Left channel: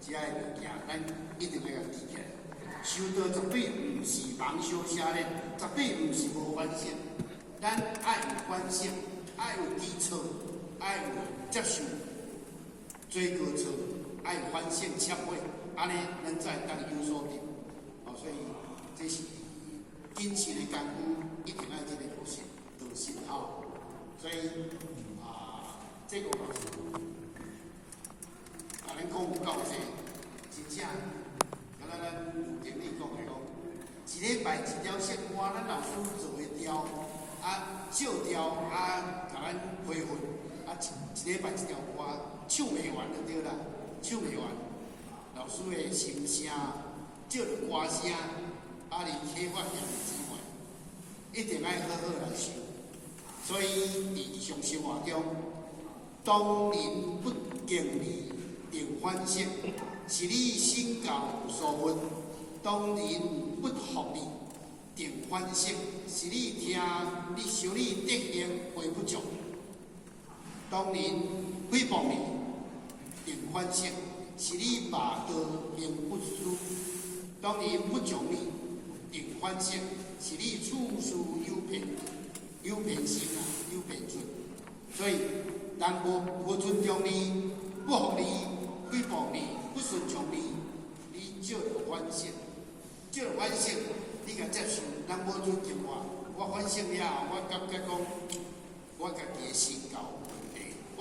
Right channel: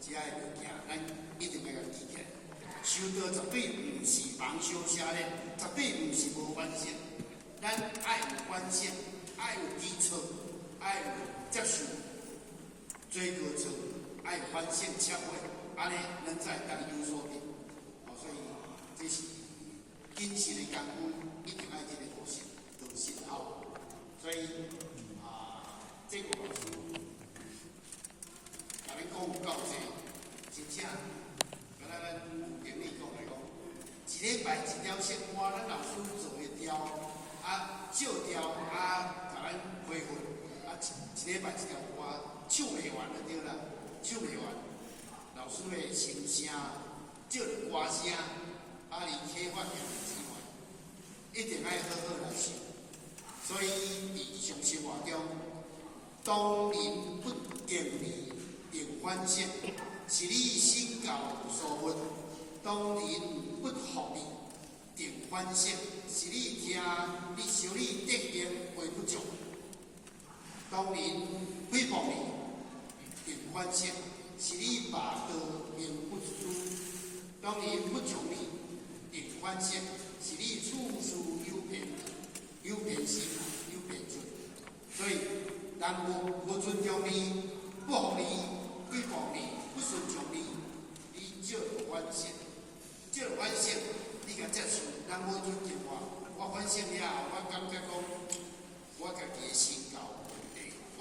遮个物件，咱一定要记起来。修道绝对毋是盲修瞎练，绝对毋是无反省。咱爱有反省，爱有基础，爱有接受最高处，爱有反省忏悔，安尼咱才会当有所得。所以这是谨慎的功夫，一定爱这个道心吼。所以这个咱讲有够济，真正，敢若咱经理讲的讲，一礼拜一条线花，咱老师做会掉，照掉，甲咱恢复，一礼拜一条花，唱袂完就对啦，唱袂完。老师的声声，照着花声，离开发扬之外，一定爱好好来修。所以伫上生活中，当人不敬你，并反省，是你身教有所闻；当人不服你，定反省，是你修理德行会不足；当人诽谤你，定反省，是你霸道行不输；当人不从你，定反省，是你处事有偏心有偏见。所以，人无尊重你，不服你，诽谤你，不顺从你，你就反省，就反省，你甲接受，人无尊重我反省了后，我感觉讲，我家己的身教，我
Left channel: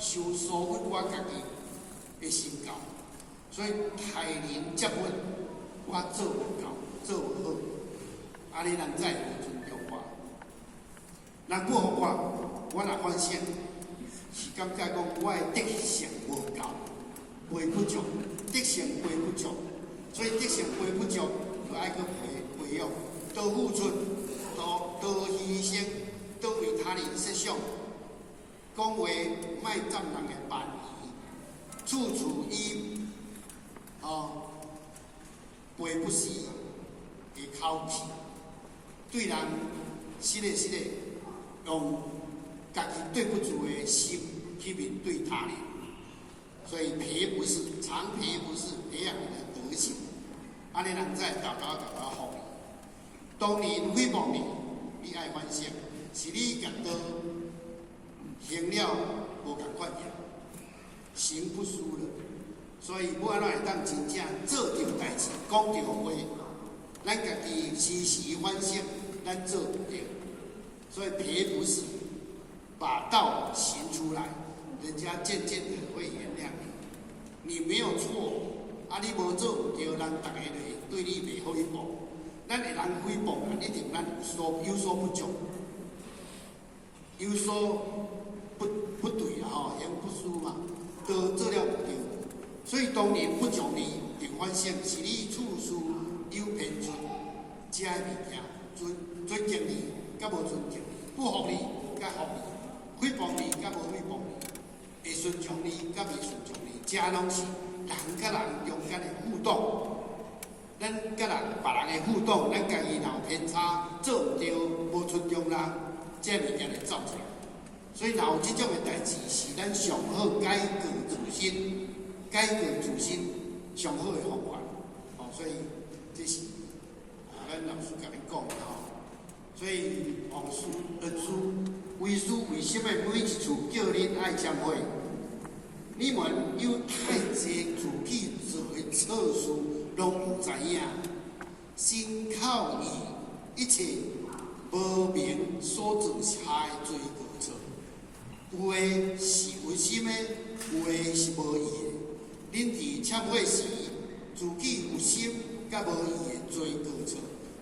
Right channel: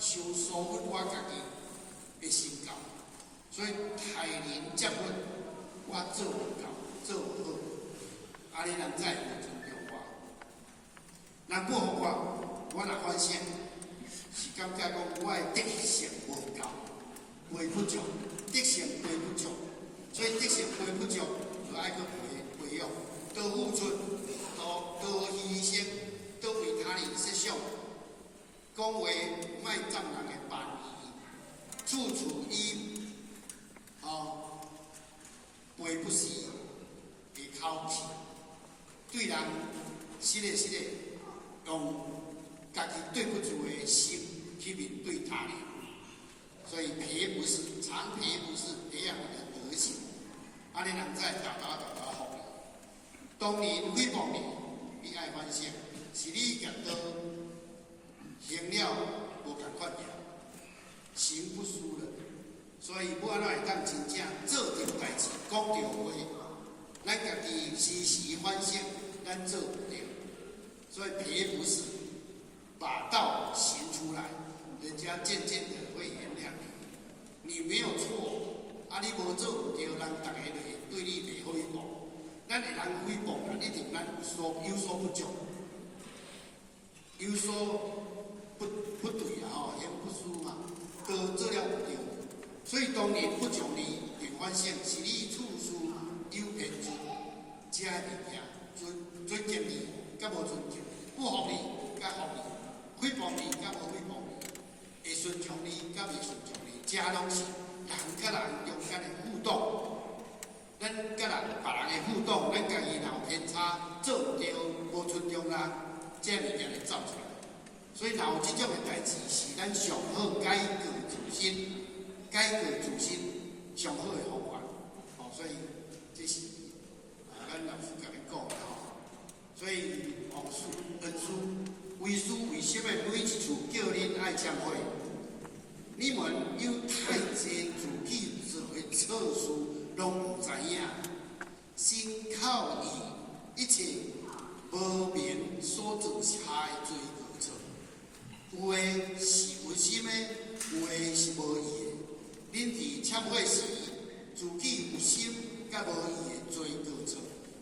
受所闻我家己的身教，所以待人接物，我做唔到，做唔好，安尼人才会尊重我。人不服我若反省。是感觉讲我的德行无够，培不足，德行培不足，所以德行培不足，就爱去培养，多付出，多牺牲，多为他人设想，讲话莫占人的便宜，处处以赔不是的口气，对人实个用家己对不住的心去面对他人，所以赔不是，常赔不是培养你的德行，安尼人才大家服你。当年诽谤你，你爱反省，是你觉得行了无共款行，行不输了，所以要安怎会当真正做着代志，讲着话，咱家己时时反省，咱做不对，所以赔不是。把道行出来，人家渐渐的会原谅你。你没有错，你无做唔对，人大家就会对你袂好一讲。咱会人诽谤，一定咱有所不足，有所不对啦，言不输嘛，都做了不对。所以当年不从你，并反省，是你处事有偏见，这物件尊敬你，甲无尊敬，不服你，甲服你。诽谤你，甲无诽谤你，会顺从你，甲未顺从你，这拢是人甲人中间的互动。咱甲别人的互动，咱家己若有偏差，做唔对，无尊重人，这物件会走出来。所以，若有这种的代志，是咱上好改过自新上好的方法。所以这是咱老师甲你讲的所以王师恩师。为师为什么每一次叫恁爱忏悔？你们有太多自己做的错事，拢唔知影，心靠意，一切无明所造下的罪过错。有的是有心的，有的是无意的。恁伫忏悔时，自己有心甲无意的罪过错，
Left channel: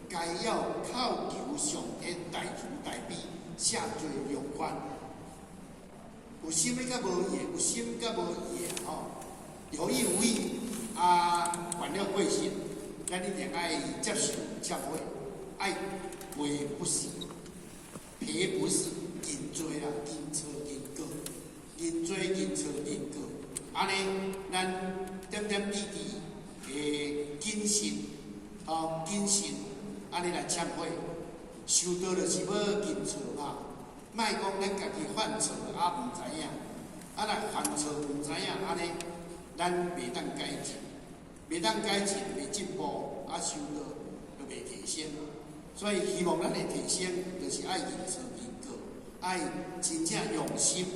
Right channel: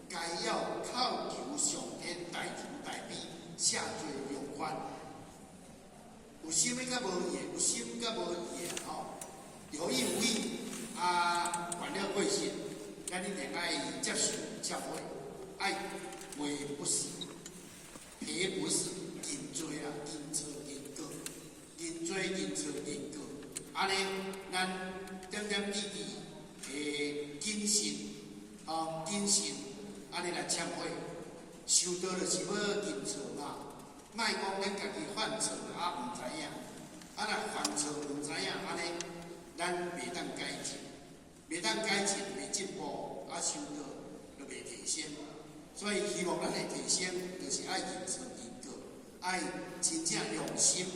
该要靠求上天大慈大悲。下罪容宽，有心的甲无意的，有心甲无意的有意无意犯了过失，咱一定爱接受忏悔，爱赔不是，赔不是，认罪啦，认错认过，认罪认错认过，安尼咱点点滴滴的谨慎，安尼来忏悔。修道就是要认错啦，莫讲咱家己犯错，毋知影，若犯错毋知影，安尼咱袂当改进，袂当改进，袂进步，收入就袂提升。所以希望咱会提升，就是爱认真研究，爱真正用心。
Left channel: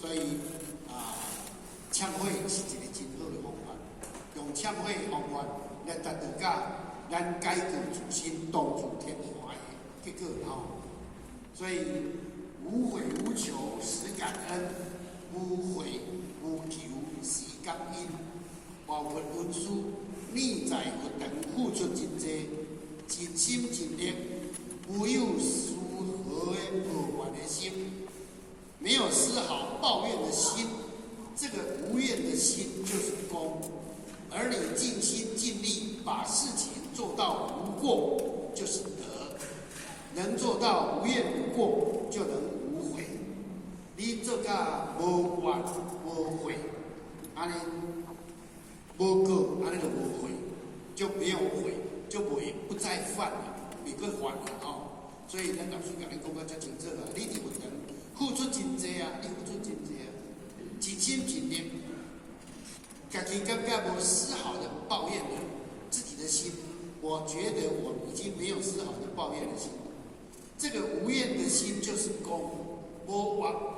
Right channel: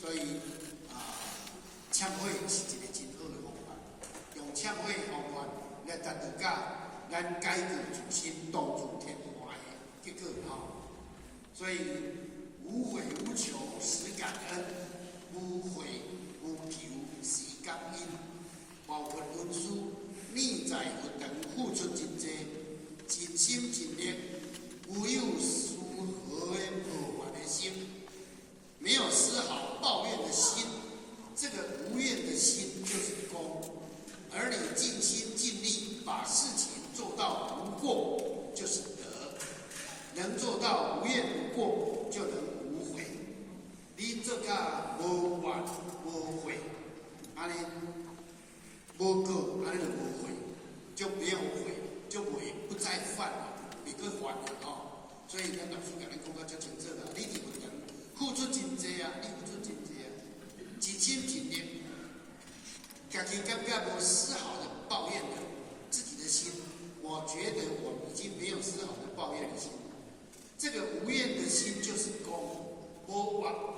所以签会是一个真好的方法，用签会方法来达到咱改过自新、当作天华的结果所以无悔无求实感恩，无悔无求时感恩。包括文书逆在活动付出真济，真心真力，无有丝毫的抱怨的心，没有丝毫抱怨的心。这个无怨的心就是功，而你尽心尽力把事情做到无过，就是德。能做到无怨无过，就能无悔。你做到无怨无悔，安尼无过，安尼就无悔，就没有悔，就不再犯了，别个犯了所以咱老师甲咱讲到遮清楚你伫运动付出真济你付出真济尽心尽力，家己感觉无丝毫的抱怨的自己的心，我觉得我已经没有丝毫的抱怨的心。这个无怨的心就是功，无怨的。